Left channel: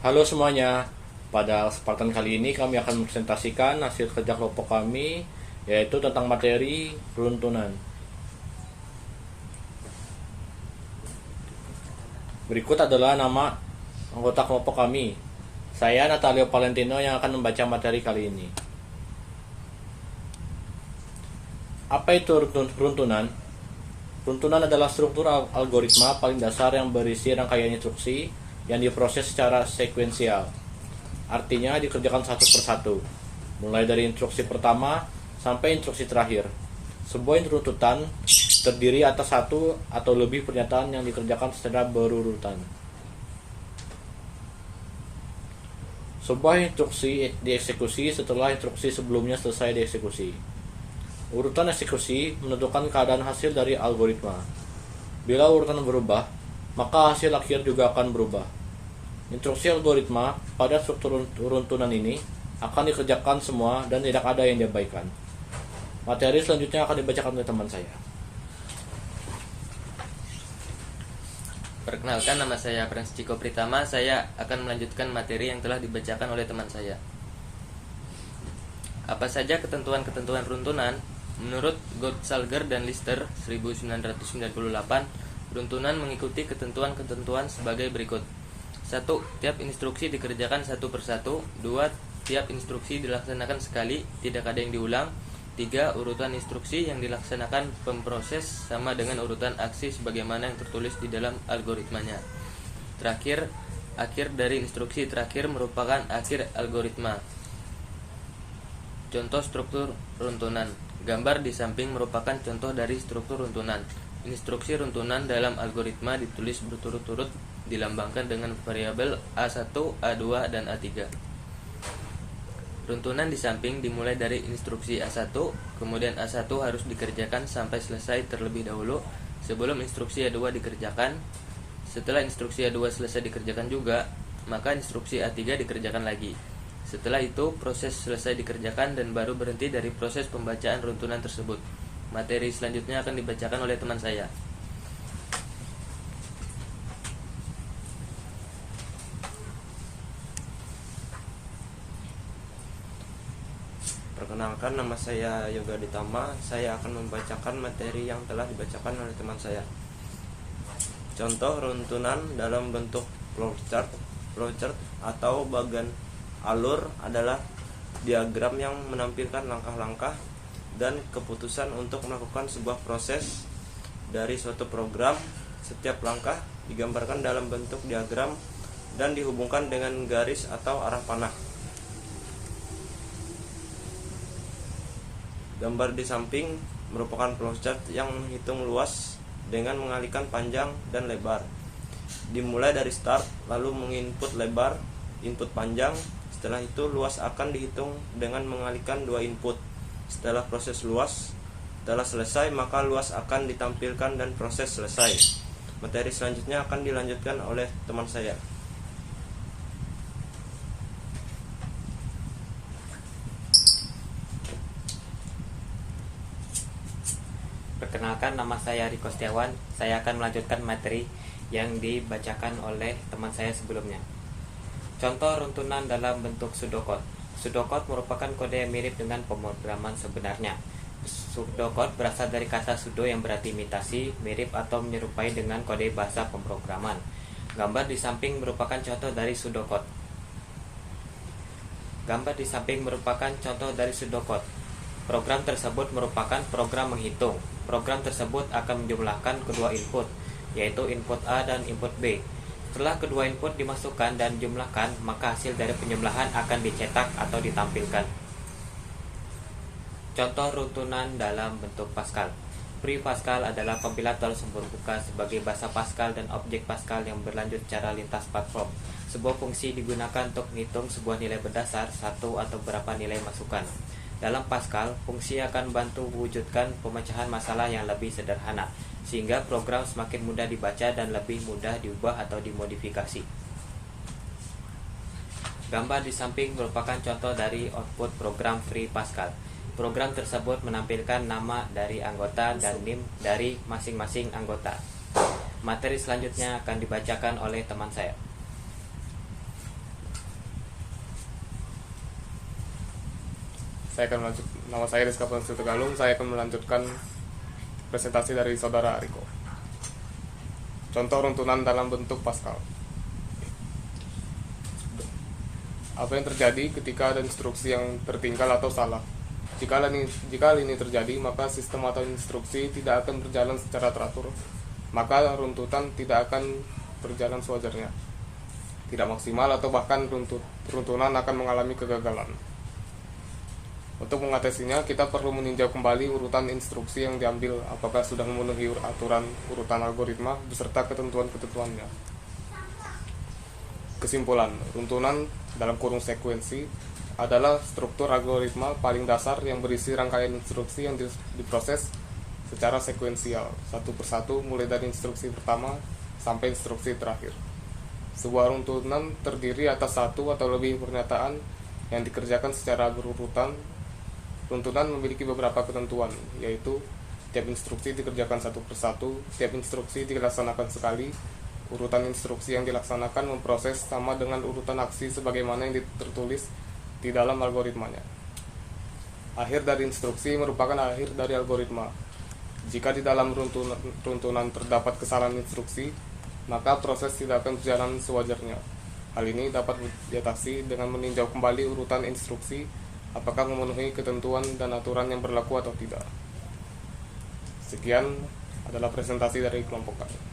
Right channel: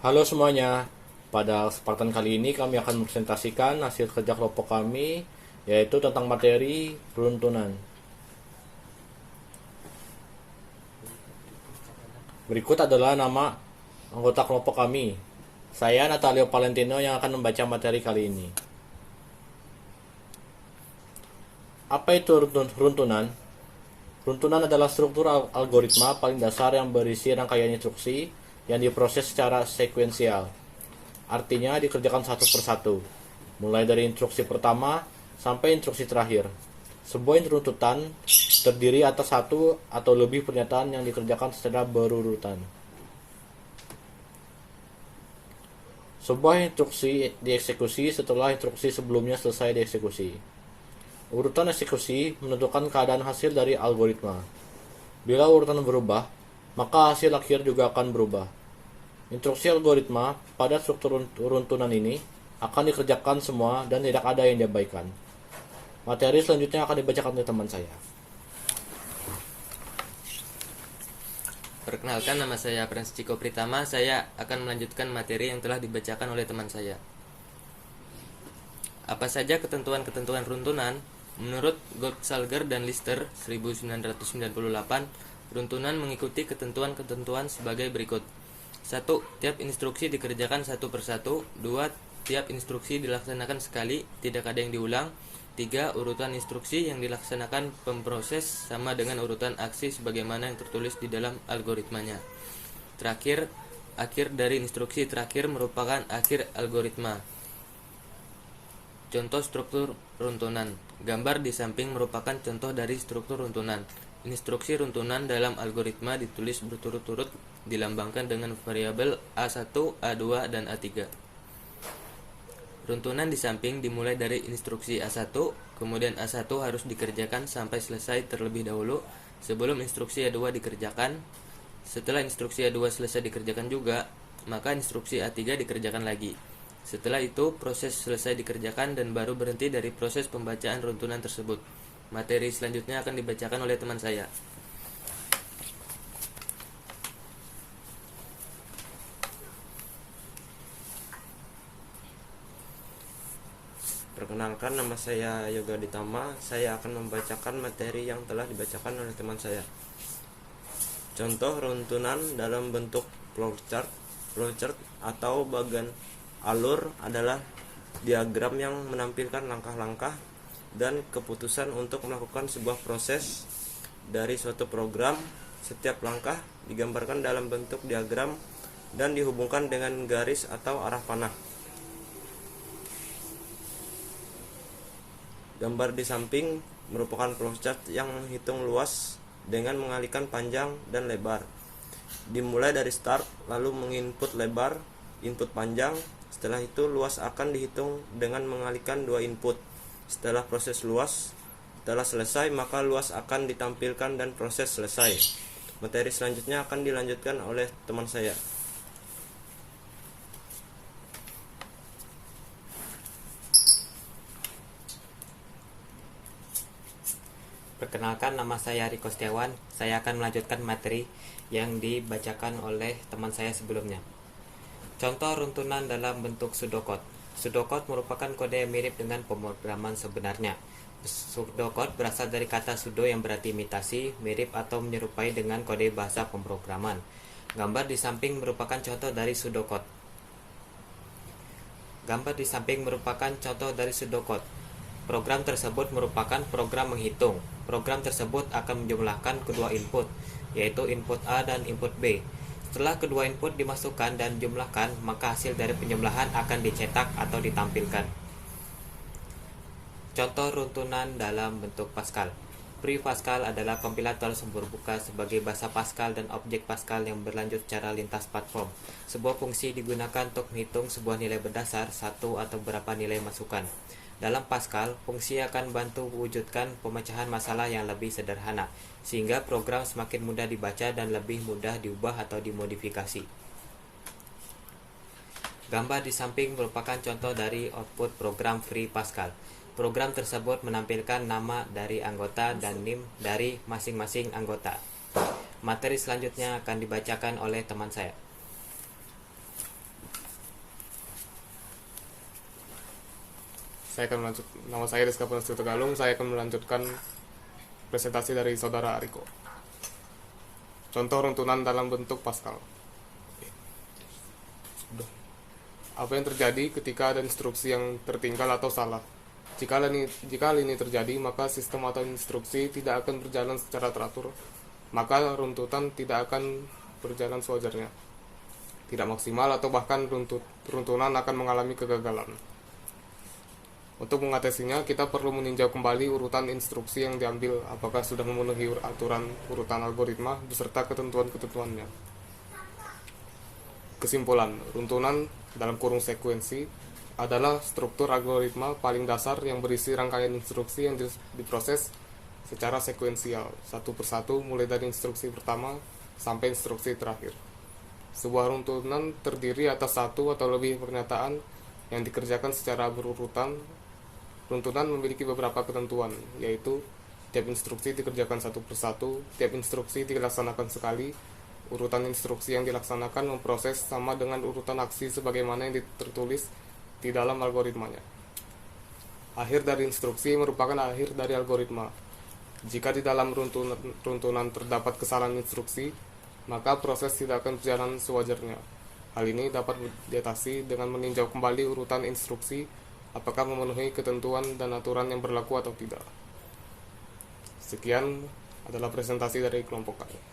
Halo semuanya, pada kesempatan kali ini kami akan mempresentasikan hasil kerja kelompok kami, yaitu tentang materi peruntunan. Berikut adalah nama anggota kelompok kami. Saya Natalio Valentino yang akan membaca materi kali ini. Apa itu runtunan? Runtunan adalah struktur algoritma paling dasar yang berisi rangkaian instruksi yang diproses secara sekuensial. Artinya dikerjakan satu persatu, mulai dari instruksi pertama sampai instruksi terakhir. Sebuah runtutan terdiri atas satu atau lebih pernyataan yang dikerjakan secara berurutan. Sebuah instruksi dieksekusi setelah instruksi sebelumnya selesai dieksekusi. Urutan eksekusi menentukan keadaan hasil dari algoritma. Bila urutan berubah, maka hasil akhir juga akan berubah. Instruksi algoritma pada struktur runtunan ini akan dikerjakan semua dan tidak ada yang diabaikan. Materi selanjutnya akan dibacakan oleh teman saya. Perkenalkan, nama saya Prince Ciko Pritama. Saya akan melanjutkan materi yang telah dibacakan oleh teman saya. Apa saja ketentuan-ketentuan runtunan? Menurut Gottsalger dan Lister 1998, runtunan mengikuti ketentuan-ketentuan sebagai berikut. 1. Tiap instruksi dikerjakan satu persatu. 2. Tiap instruksi dilaksanakan sekali, tidak ada yang diulang. 3. Urutan instruksi yang dilaksanakan pemproses sama dengan urutan aksi sebagaimana yang tertulis di dalam algoritmanya. Terakhir, akhir dari instruksi terakhir merupakan akhir algoritma. Contoh struktur runtunan. Gambar di samping merupakan contoh dari struktur runtunan. Instruksi runtunan dalam algoritma ditulis berturut-turut, dilambangkan dengan variabel A1, A2, dan A3. Runtunan di samping dimulai dari instruksi A1, kemudian A1 harus dikerjakan sampai selesai terlebih dahulu sebelum instruksi A2 dikerjakan. Setelah instruksi A2 selesai dikerjakan juga, maka instruksi A3 dikerjakan lagi. Setelah itu, proses selesai dikerjakan dan baru berhenti dari proses pembacaan runtunan tersebut. Materi selanjutnya akan dibacakan oleh teman saya. Perkenalkan, nama saya Yoga Ditama. Saya akan membacakan materi yang telah dibacakan oleh teman saya. Contoh runtunan dalam bentuk flowchart. Flowchart atau bagan alur adalah diagram yang menampilkan langkah-langkah dan keputusan untuk melakukan sebuah proses dari suatu program. Setiap langkah digambarkan dalam bentuk diagram dan dihubungkan dengan garis atau arah panah. Gambar di samping merupakan flowchart yang menghitung luas dengan mengalihkan panjang dan lebar. Dimulai dari start, lalu menginput lebar, input panjang. Setelah itu luas akan dihitung dengan mengalihkan dua input. Setelah proses luas telah selesai, maka luas akan ditampilkan dan proses selesai. Materi selanjutnya akan dilanjutkan oleh teman saya. Perkenalkan, nama saya Riko Setiawan. Saya akan melanjutkan materi yang dibacakan oleh teman saya sebelumnya. Contoh runtunan dalam bentuk pseudocode. Pseudocode merupakan kode yang mirip dengan pemrograman sebenarnya. Pseudocode berasal dari kata pseudo yang berarti imitasi, mirip atau menyerupai dengan kode bahasa pemrograman. Gambar di samping merupakan contoh dari pseudocode. Gambar di samping merupakan contoh dari pseudocode. Program tersebut merupakan program menghitung. Program tersebut akan menjumlahkan kedua input, yaitu input A dan input B. Setelah kedua input dimasukkan dan dijumlahkan, maka hasil dari penjumlahan akan dicetak atau ditampilkan. Contoh runtunan dalam bentuk Pascal. Pre-Pascal adalah kompilator sumber buka sebagai bahasa Pascal dan objek Pascal yang berlanjut secara lintas platform. Sebuah fungsi digunakan untuk menghitung sebuah nilai berdasar satu atau beberapa nilai masukan. Dalam Pascal, fungsi akan membantu mewujudkan pemecahan masalah yang lebih sederhana, sehingga program semakin mudah dibaca dan lebih mudah diubah atau dimodifikasi. Gambar di samping merupakan contoh dari output program Free Pascal. Program tersebut menampilkan nama dari anggota dan NIM dari masing-masing anggota. Materi selanjutnya akan dibacakan oleh teman saya. Nama saya Rizka Pransu Tegalung. Saya akan melanjutkan presentasi dari saudara Ariko. Contoh runtunan dalam bentuk Pascal. Apa yang terjadi ketika ada instruksi yang tertinggal atau salah? Jika hal ini terjadi, maka sistem atau instruksi tidak akan berjalan secara teratur. Maka runtutan tidak akan berjalan sewajarnya, tidak maksimal, atau bahkan runtunan akan mengalami kegagalan. Untuk mengatasinya, kita perlu meninjau kembali urutan instruksi yang diambil, apakah sudah memenuhi aturan urutan algoritma beserta ketentuan-ketentuannya. Kesimpulan, runtunan dalam kurung sekuensi adalah struktur algoritma paling dasar yang berisi rangkaian instruksi yang diproses secara sekuensial, satu persatu mulai dari instruksi pertama sampai instruksi terakhir. Sebuah runtunan terdiri atas satu atau lebih pernyataan yang dikerjakan secara berurutan. Runtunan memiliki beberapa ketentuan, yaitu tiap instruksi dikerjakan satu persatu, tiap instruksi dilaksanakan sekali, urutan instruksi yang dilaksanakan memproses sama dengan urutan aksi sebagaimana yang tertulis di dalam algoritmanya. Akhir dari instruksi merupakan akhir dari algoritma. Jika di dalam runtunan terdapat kesalahan instruksi, maka proses tidak akan berjalan sewajarnya. Hal ini dapat diatasi dengan meninjau kembali urutan instruksi, apakah memenuhi ketentuan dan aturan yang berlaku atau tidak. Sekian adalah presentasi dari kelompok kami.